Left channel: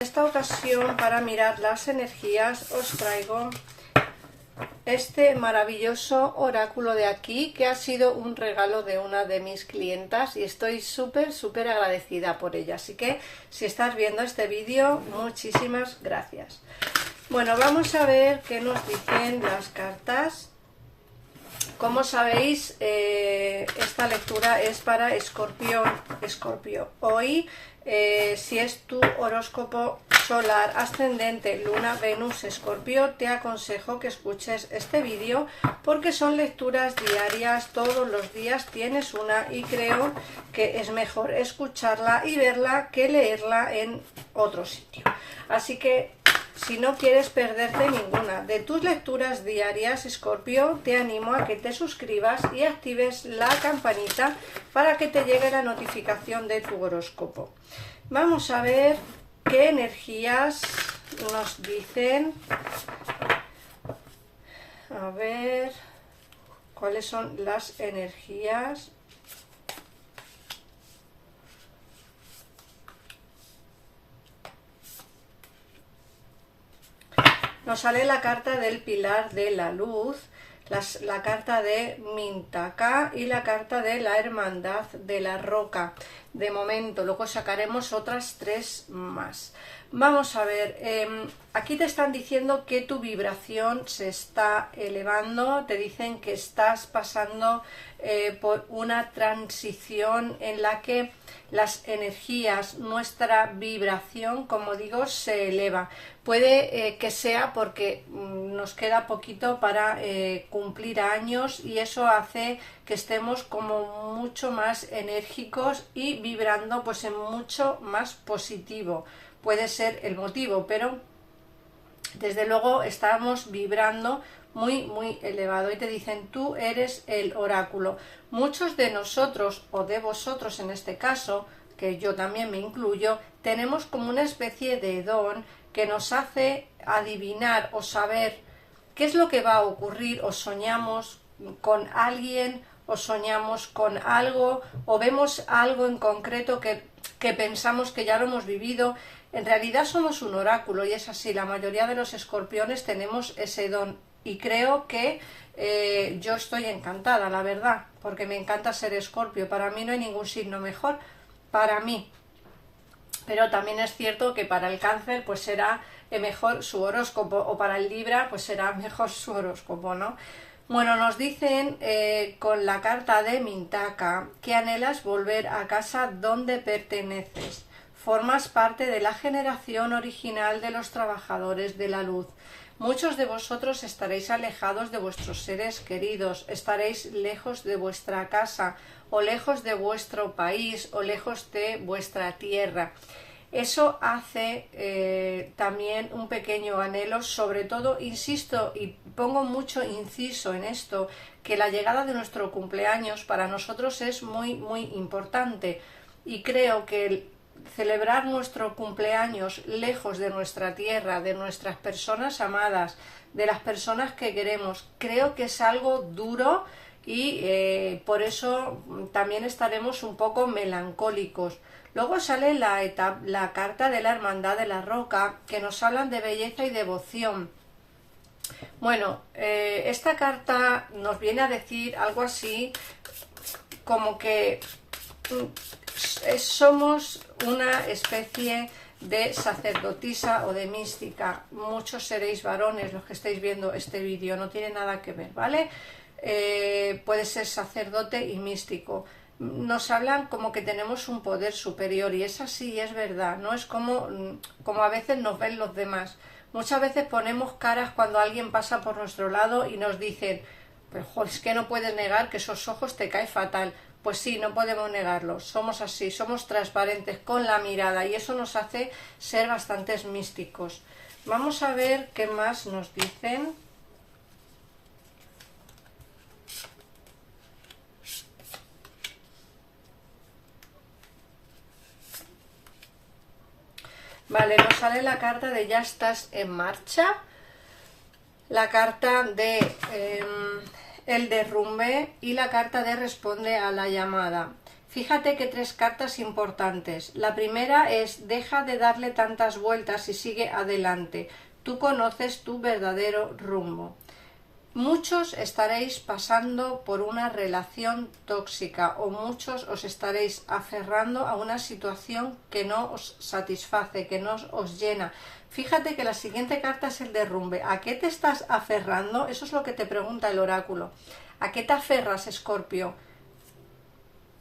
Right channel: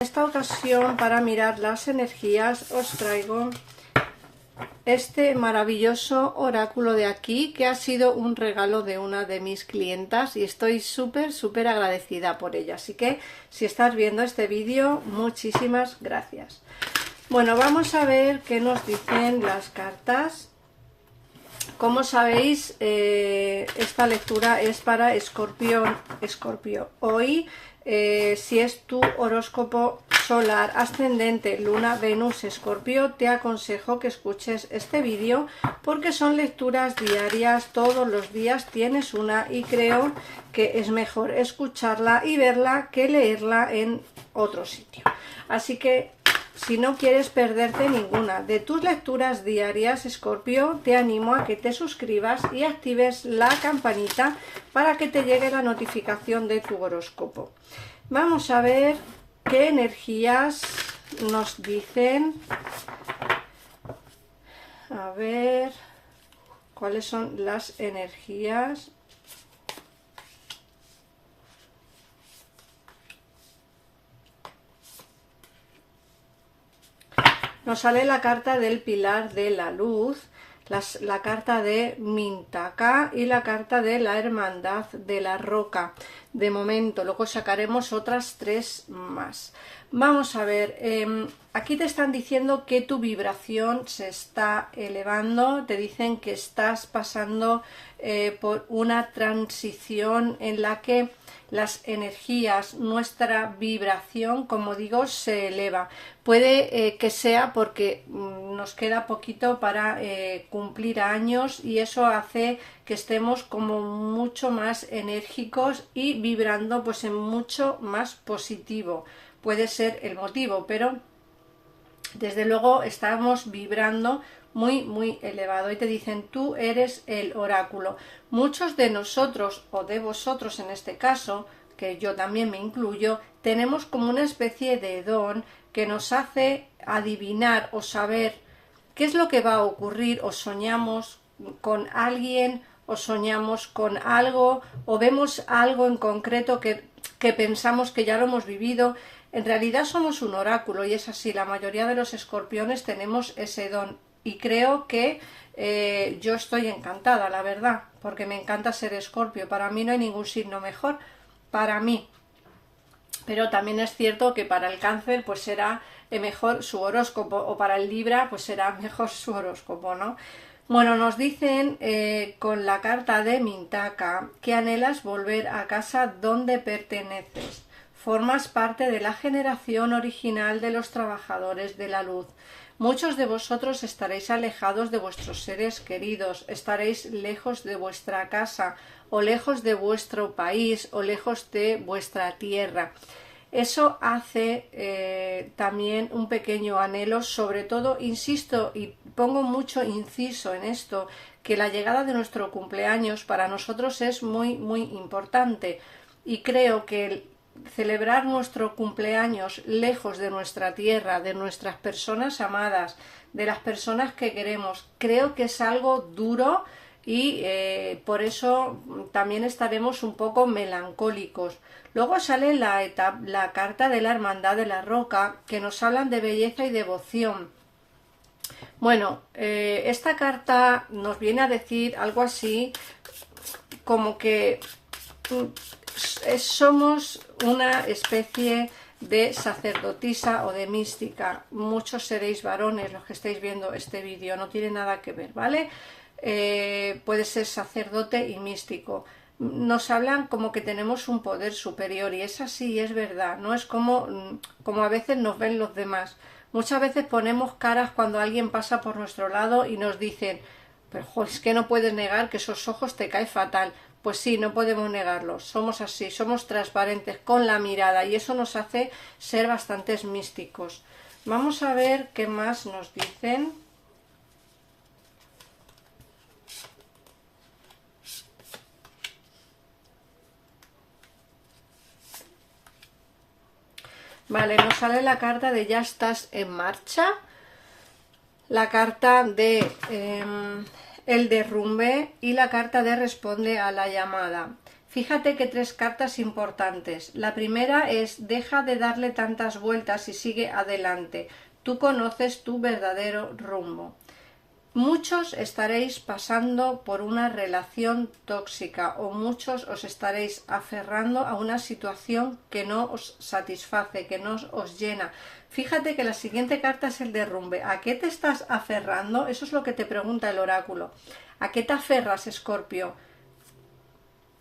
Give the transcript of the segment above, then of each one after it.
En esta ocasión, para mirar las energías, os traigo este maravilloso oráculo de aquí, que ha sido un regalo de una de mis clientas y estoy súper agradecida por ella. Así que si estás viendo este vídeo, muchísimas gracias. Bueno, vamos a ver qué nos dicen las cartas. Como sabéis, esta lectura es para Escorpio. Hoy, si es tu horóscopo solar, ascendente, luna, Venus, Escorpio, te aconsejo que escuches este vídeo porque son lecturas diarias, todos los días tienes una y creo que es mejor escucharla y verla que leerla en otro sitio. Así que si no quieres perderte ninguna de tus lecturas diarias, Escorpio, te animo a que te suscribas y actives la campanita para que te llegue la notificación de tu horóscopo. Vamos a ver qué energías nos dicen. A ver cuáles son las energías. Nos sale la carta del pilar de la luz, la carta de Mintaka y la carta de la hermandad de la roca. De momento, luego sacaremos otras tres más. Vamos a ver, aquí te están diciendo que tu vibración se está elevando, te dicen que estás pasando por una transición en la que las energías, nuestra vibración, como digo, se eleva. Puede que sea porque nos queda poquito para cumplir años y eso hace que estemos como mucho más enérgicos y vibrando pues en mucho más positivo. Puede ser el motivo, pero desde luego estamos vibrando muy elevado y te dicen tú eres el oráculo. Muchos de nosotros o de vosotros en este caso, que yo también me incluyo, tenemos como una especie de don que nos hace adivinar o saber qué es lo que va a ocurrir, o soñamos con alguien o soñamos con algo o vemos algo en concreto que pensamos que ya lo hemos vivido. En realidad somos un oráculo y es así, la mayoría de los escorpiones tenemos ese don y creo que yo estoy encantada, la verdad, porque me encanta ser Escorpio. Para mí no hay ningún signo mejor, para mí. Pero también es cierto que para el Cáncer pues será mejor su horóscopo, o para el Libra pues será mejor su horóscopo, ¿no? Bueno, nos dicen con la carta de Mintaka que anhelas volver a casa donde perteneces. Formas parte de la generación original de los trabajadores de la luz. Muchos de vosotros estaréis alejados de vuestros seres queridos, estaréis lejos de vuestra casa, o lejos de vuestro país, o lejos de vuestra tierra. Eso hace también un pequeño anhelo, sobre todo, insisto, y pongo mucho inciso en esto, que la llegada de nuestro cumpleaños para nosotros es muy importante, y creo que celebrar nuestro cumpleaños lejos de nuestra tierra, de nuestras personas amadas, de las personas que queremos, creo que es algo duro y por eso también estaremos un poco melancólicos. Luego sale la carta de la hermandad de la roca, que nos hablan de belleza y devoción. Bueno, esta carta nos viene a decir algo así como que somos una especie de sacerdotisa o de mística. Muchos seréis varones los que estáis viendo este vídeo, no tiene nada que ver, ¿vale? Puede ser sacerdote y místico. Nos hablan como que tenemos un poder superior y es así, es verdad, no es como a veces nos ven los demás. Muchas veces ponemos caras cuando alguien pasa por nuestro lado y nos dicen, pero jo, es que no puedes negar que esos ojos te caen fatal. Pues sí, no podemos negarlo, somos así, somos transparentes con la mirada y eso nos hace ser bastantes místicos. Vamos a ver qué más nos dicen. Vale, nos sale la carta de ya estás en marcha, la carta de el derrumbe y la carta de responde a la llamada. Fíjate que 3 cartas importantes. La primera es: deja de darle tantas vueltas y sigue adelante. Tú conoces tu verdadero rumbo. Muchos estaréis pasando por una relación tóxica o muchos os estaréis aferrando a una situación que no os satisface, que no os llena. Fíjate que la siguiente carta es el derrumbe. ¿A qué te estás aferrando? Eso es lo que te pregunta el oráculo. ¿A qué te aferras, Escorpio?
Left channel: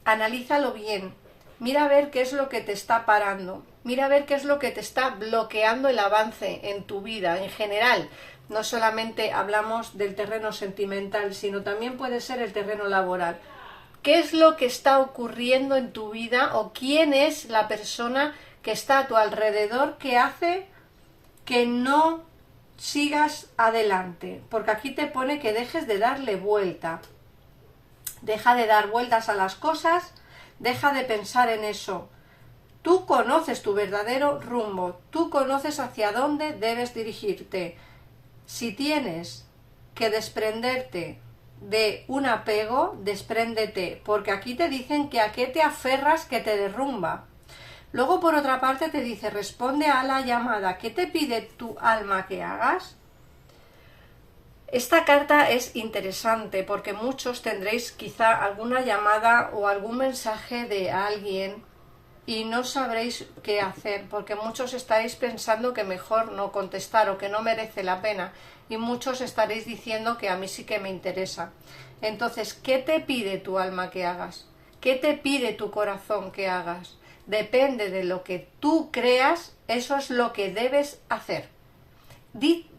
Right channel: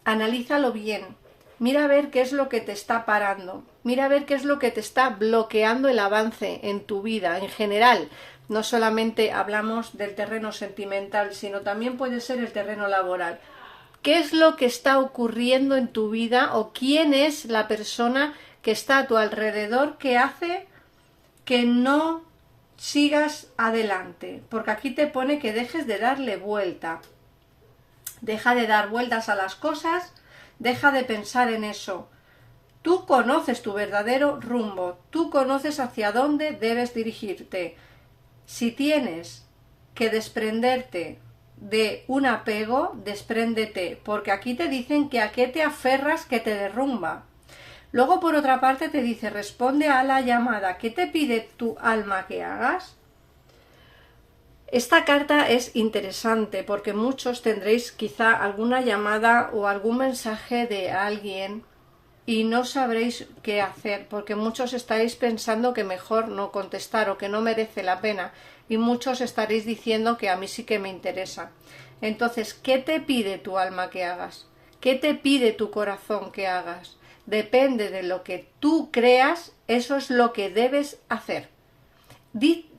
Analízalo bien. Mira a ver qué es lo que te está parando. Mira a ver qué es lo que te está bloqueando el avance en tu vida en general. No solamente hablamos del terreno sentimental, sino también puede ser el terreno laboral. ¿Qué es lo que está ocurriendo en tu vida o quién es la persona que está a tu alrededor que hace que no sigas adelante? Porque aquí te pone que dejes de darle vuelta. Deja de dar vueltas a las cosas, deja de pensar en eso. Tú conoces tu verdadero rumbo, tú conoces hacia dónde debes dirigirte. Si tienes que desprenderte de un apego, despréndete, porque aquí te dicen que a qué te aferras que te derrumba. Luego, por otra parte, te dice: responde a la llamada. ¿Qué te pide tu alma que hagas? Esta carta es interesante porque muchos tendréis quizá alguna llamada o algún mensaje de alguien y no sabréis qué hacer, porque muchos estaréis pensando que mejor no contestar o que no merece la pena, y muchos estaréis diciendo que a mí sí que me interesa. Entonces, ¿qué te pide tu alma que hagas? ¿Qué te pide tu corazón que hagas? Depende de lo que tú creas, eso es lo que debes hacer.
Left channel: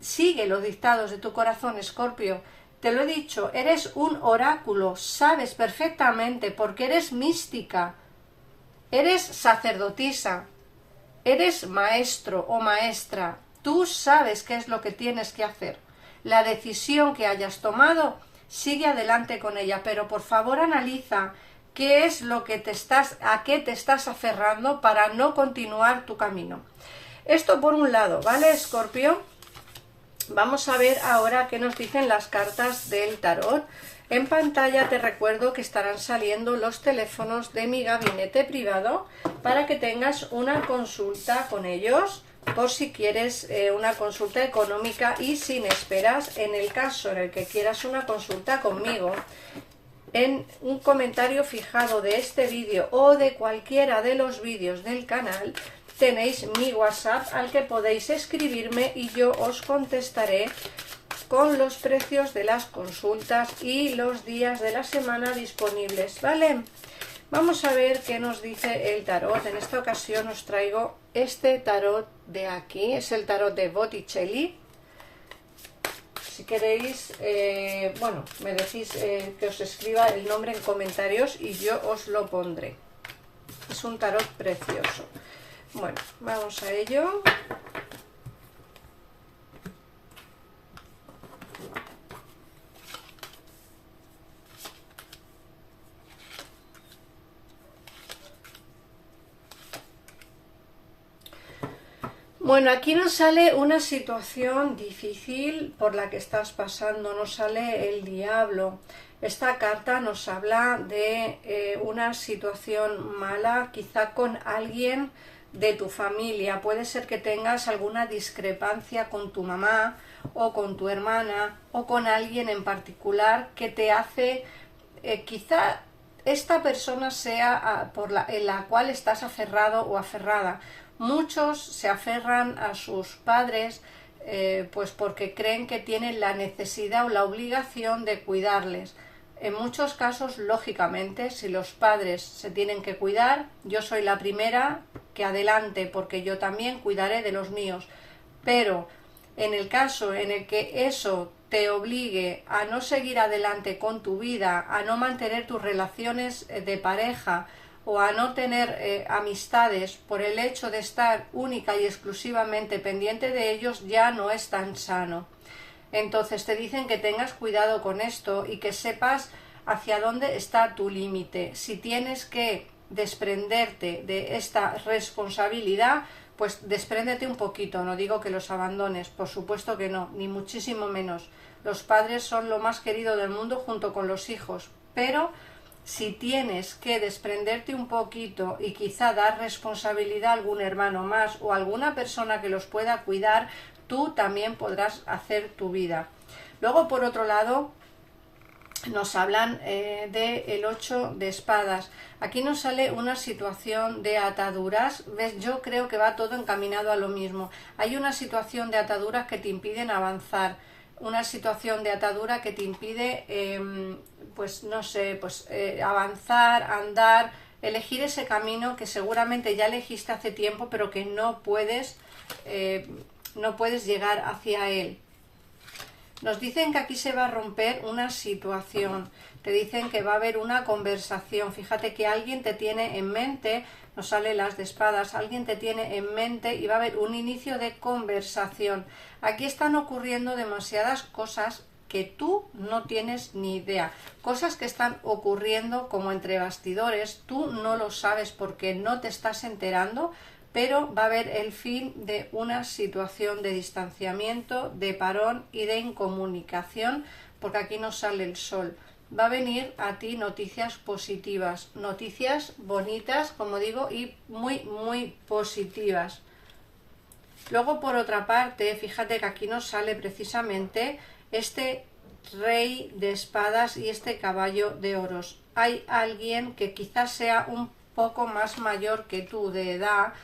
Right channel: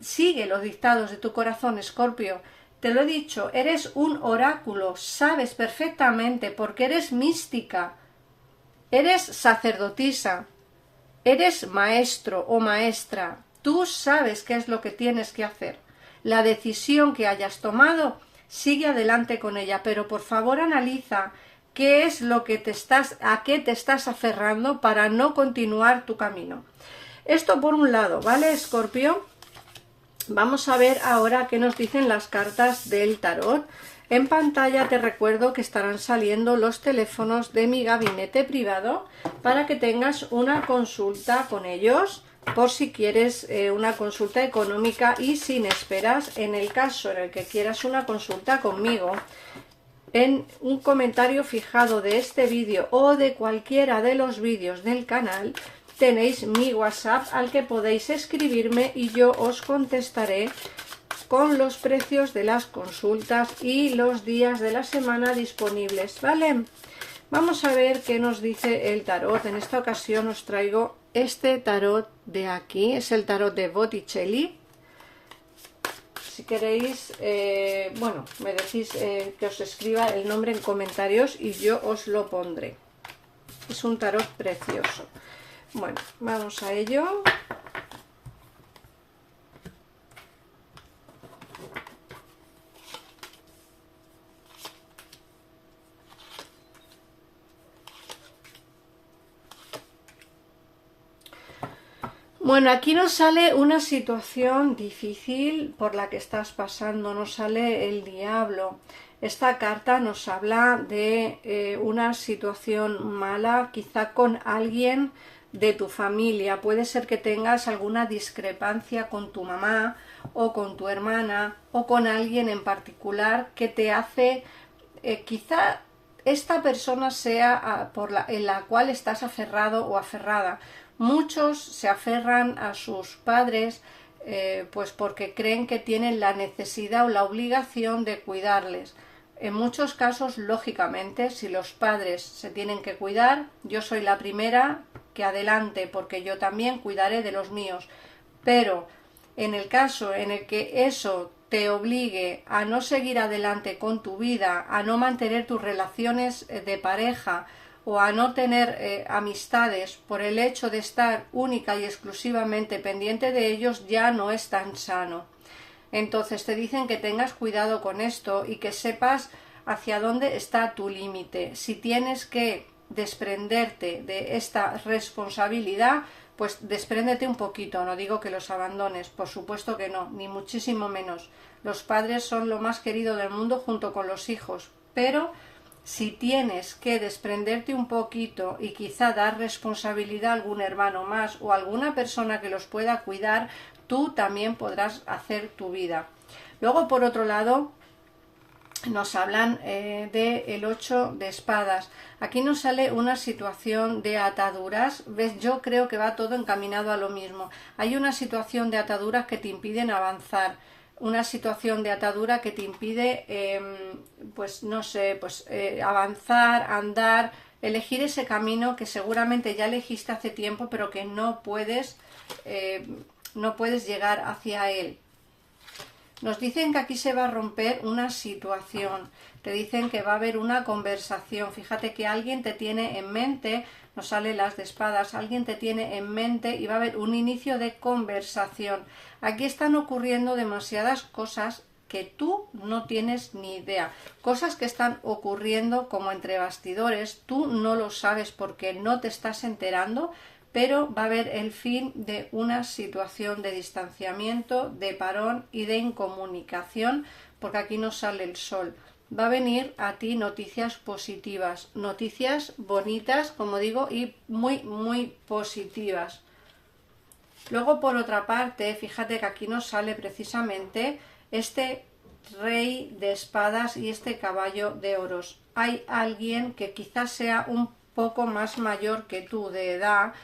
Sigue los dictados de tu corazón, Escorpio. Te lo he dicho, eres un oráculo, sabes perfectamente porque eres mística. Eres sacerdotisa, eres maestro o maestra, tú sabes qué es lo que tienes que hacer. La decisión que hayas tomado, sigue adelante con ella, pero por favor analiza qué es lo que a qué te estás aferrando para no continuar tu camino. Esto por un lado, ¿vale, Escorpio? Vamos a ver ahora qué nos dicen las cartas del tarot. En pantalla te recuerdo que estarán saliendo los teléfonos de mi gabinete privado para que tengas una consulta con ellos por si quieres una consulta económica y sin esperas. En el caso en el que quieras una consulta conmigo, en un comentario fijado de este vídeo o de cualquiera de los vídeos del canal tenéis mi WhatsApp al que podéis escribirme y yo os contestaré con los precios de las consultas y los días de la semana disponibles, ¿vale? Vamos a ver qué nos dice el tarot. En esta ocasión os traigo este tarot de aquí, es el tarot de Botticelli. Si queréis, bueno, me decís que os escriba el nombre en comentarios y yo os lo pondré. Es un tarot precioso. Bueno, vamos a ello. Bueno, aquí nos sale una situación difícil por la que estás pasando, nos sale el diablo. Esta carta nos habla de una situación mala, quizá con alguien de tu familia. Puede ser que tengas alguna discrepancia con tu mamá o con tu hermana o con alguien en particular que te hace, quizá esta persona sea en la cual estás aferrado o aferrada. Muchos se aferran a sus padres pues porque creen que tienen la necesidad o la obligación de cuidarles. En muchos casos, lógicamente, si los padres se tienen que cuidar, yo soy la primera que adelante, porque yo también cuidaré de los míos. Pero en el caso en el que eso te obligue a no seguir adelante con tu vida, a no mantener tus relaciones de pareja, o a no tener amistades por el hecho de estar única y exclusivamente pendiente de ellos, ya no es tan sano. Entonces te dicen que tengas cuidado con esto y que sepas hacia dónde está tu límite. Si tienes que desprenderte de esta responsabilidad, pues despréndete un poquito. No digo que los abandones, por supuesto que no, ni muchísimo menos. Los padres son lo más querido del mundo junto con los hijos, pero Si tienes que desprenderte un poquito y quizá dar responsabilidad a algún hermano más o a alguna persona que los pueda cuidar, tú también podrás hacer tu vida. Luego, por otro lado, nos hablan del 8 de espadas. Aquí nos sale una situación de ataduras. ¿Ves? Yo creo que va todo encaminado a lo mismo. Hay una situación de ataduras que te impiden avanzar, una situación de atadura que te impide, pues no sé, pues avanzar, andar, elegir ese camino que seguramente ya elegiste hace tiempo, pero que no puedes llegar hacia él. Nos dicen que aquí se va a romper una situación, te dicen que va a haber una conversación. Fíjate que alguien te tiene en mente, nos sale las de espadas, alguien te tiene en mente y va a haber un inicio de conversación. Aquí están ocurriendo demasiadas cosas que tú no tienes ni idea, cosas que están ocurriendo como entre bastidores, tú no lo sabes porque no te estás enterando, pero va a haber el fin de una situación de distanciamiento, de parón y de incomunicación, porque aquí nos sale el sol. Va a venir a ti noticias positivas, noticias bonitas, como digo, y muy, muy positivas. Luego, por otra parte, fíjate que aquí nos sale precisamente este rey de espadas y este caballo de oros. Hay alguien que quizás sea un poco más mayor que tú de edad,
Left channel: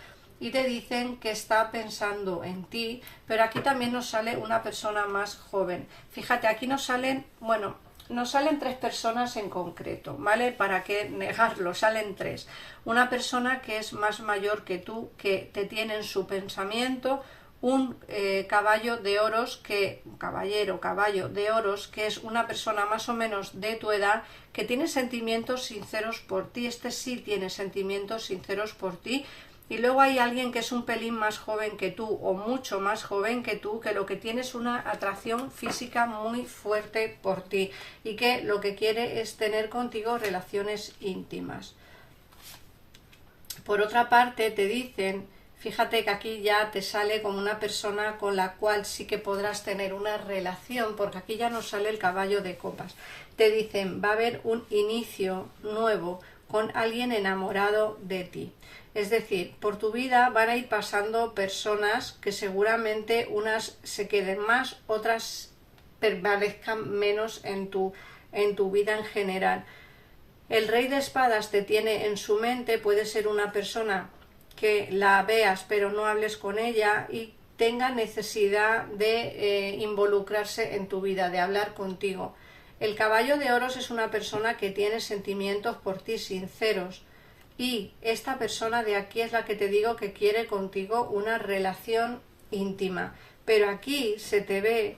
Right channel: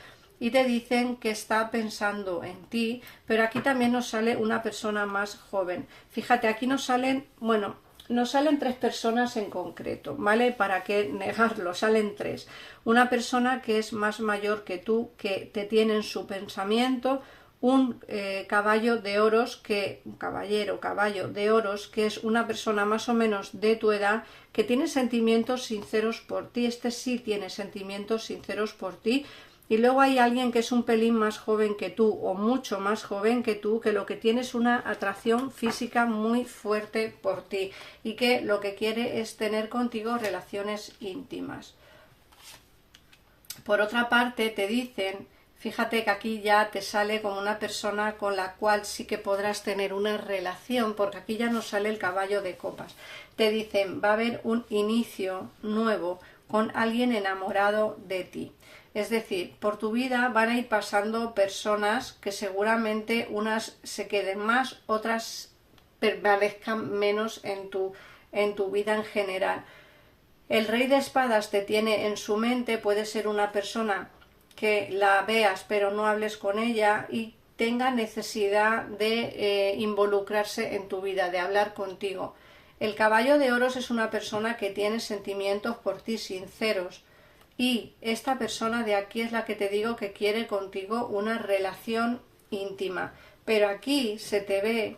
y te dicen que está pensando en ti, pero aquí también nos sale una persona más joven. Fíjate, aquí nos salen, bueno, nos salen 3 personas en concreto, ¿vale? ¿Para qué negarlo? Salen 3. Una persona que es más mayor que tú, que te tiene en su pensamiento, un caballo de oros, un caballo de oros, que es una persona más o menos de tu edad, que tiene sentimientos sinceros por ti. Este sí tiene sentimientos sinceros por ti. Y luego hay alguien que es un pelín más joven que tú o mucho más joven que tú, que lo que tiene es una atracción física muy fuerte por ti y que lo que quiere es tener contigo relaciones íntimas. Por otra parte, te dicen, fíjate que aquí ya te sale como una persona con la cual sí que podrás tener una relación, porque aquí ya nos sale el caballo de copas. Te dicen, va a haber un inicio nuevo con alguien enamorado de ti. Es decir, por tu vida van a ir pasando personas que seguramente unas se queden más, otras permanezcan menos en tu vida en general. El rey de espadas te tiene en su mente, puede ser una persona que la veas pero no hables con ella y tenga necesidad de involucrarse en tu vida, de hablar contigo. El caballo de oros es una persona que tiene sentimientos por ti sinceros. Y esta persona de aquí es la que te digo que quiere contigo una relación íntima. Pero aquí se te ve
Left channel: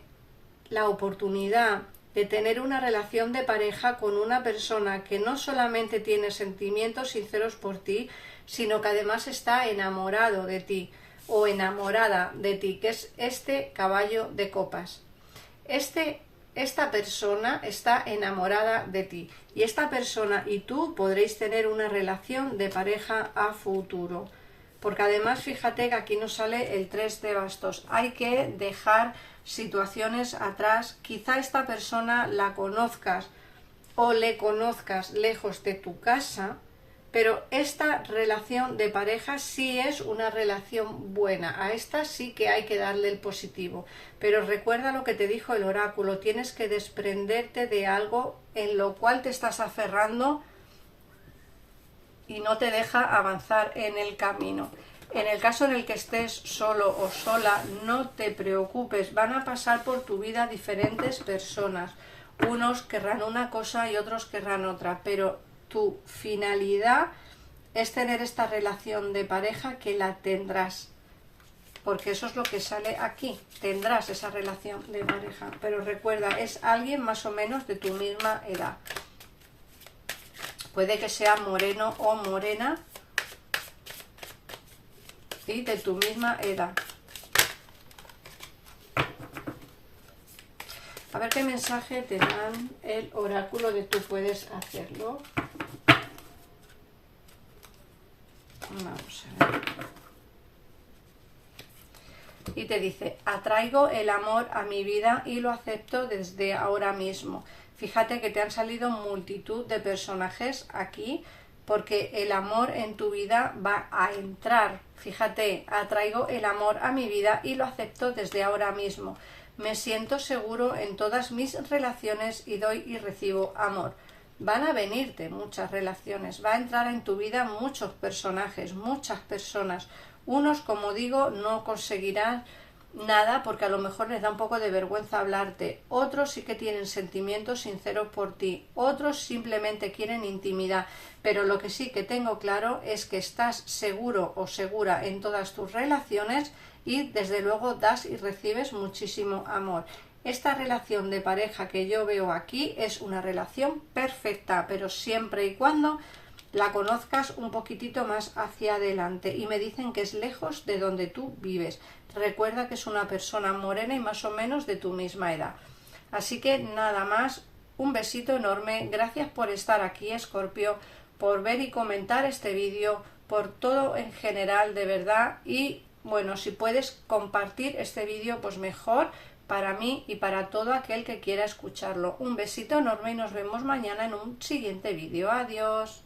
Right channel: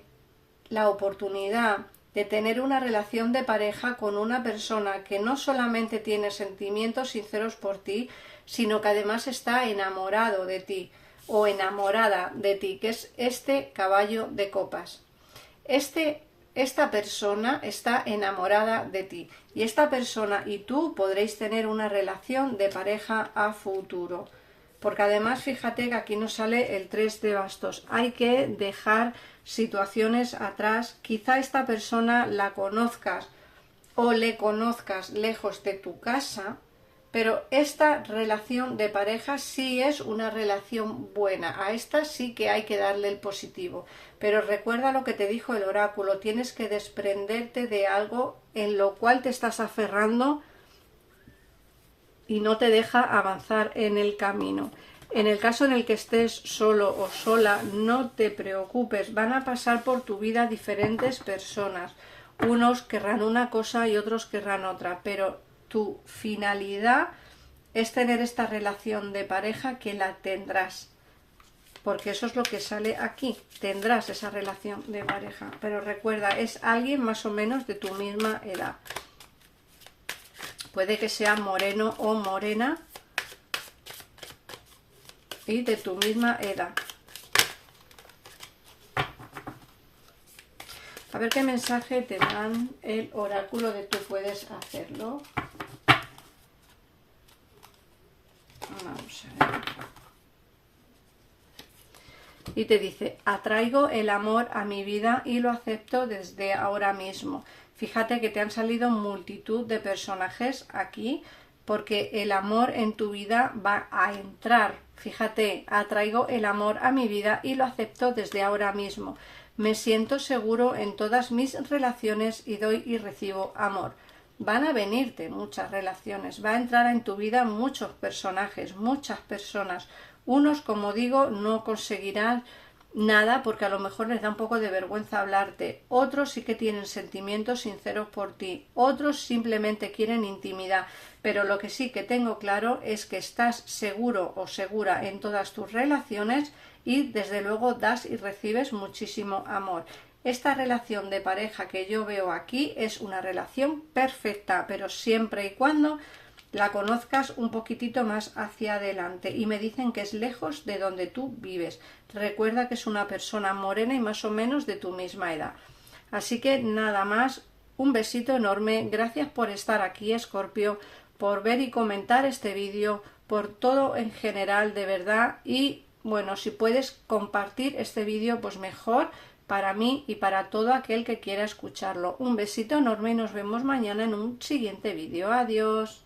la oportunidad de tener una relación de pareja con una persona que no solamente tiene sentimientos sinceros por ti, sino que además está enamorado de ti o enamorada de ti, que es este caballo de copas. Esta persona está enamorada de ti y esta persona y tú podréis tener una relación de pareja a futuro. Porque además fíjate que aquí nos sale el 3 de bastos. Hay que dejar situaciones atrás. Quizá esta persona la conozcas o le conozcas lejos de tu casa, pero esta relación de pareja sí es una relación buena. A esta sí que hay que darle el positivo. Pero recuerda lo que te dijo el oráculo. Tienes que desprenderte de algo en lo cual te estás aferrando y no te deja avanzar en el camino. En el caso en el que estés solo o sola, no te preocupes. Van a pasar por tu vida diferentes personas. Unos querrán una cosa y otros querrán otra, pero tu finalidad es tener esta relación de pareja, que la tendrás, porque eso es lo que sale aquí, tendrás esa relación de pareja, pero recuerda, es alguien más o menos de tu misma edad, puede que sea moreno o morena y de tu misma edad. A ver qué mensaje te dan el oráculo de tú puedes hacerlo. Vamos a ver. Y te dice, atraigo el amor a mi vida y lo acepto desde ahora mismo. Fíjate que te han salido multitud de personajes aquí porque el amor en tu vida va a entrar. Fíjate, atraigo el amor a mi vida y lo acepto desde ahora mismo. Me siento seguro en todas mis relaciones y doy y recibo amor. Van a venirte muchas relaciones, va a entrar en tu vida muchos personajes, muchas personas. Unos, como digo, no conseguirán nada porque a lo mejor les da un poco de vergüenza hablarte. Otros sí que tienen sentimientos sinceros por ti. Otros simplemente quieren intimidad. Pero lo que sí que tengo claro es que estás seguro o segura en todas tus relaciones y desde luego das y recibes muchísimo amor. Esta relación de pareja que yo veo aquí es una relación perfecta, pero siempre y cuando la conozcas un poquitito más hacia adelante. Y me dicen que es lejos de donde tú vives. Recuerda que es una persona morena y más o menos de tu misma edad. Así que nada más, un besito enorme. Gracias por estar aquí, Escorpio, por ver y comentar este vídeo, por todo en general, de verdad. Y bueno, si puedes compartir este vídeo, pues mejor para mí y para todo aquel que quiera escucharlo. Un besito enorme y nos vemos mañana en un siguiente vídeo. Adiós.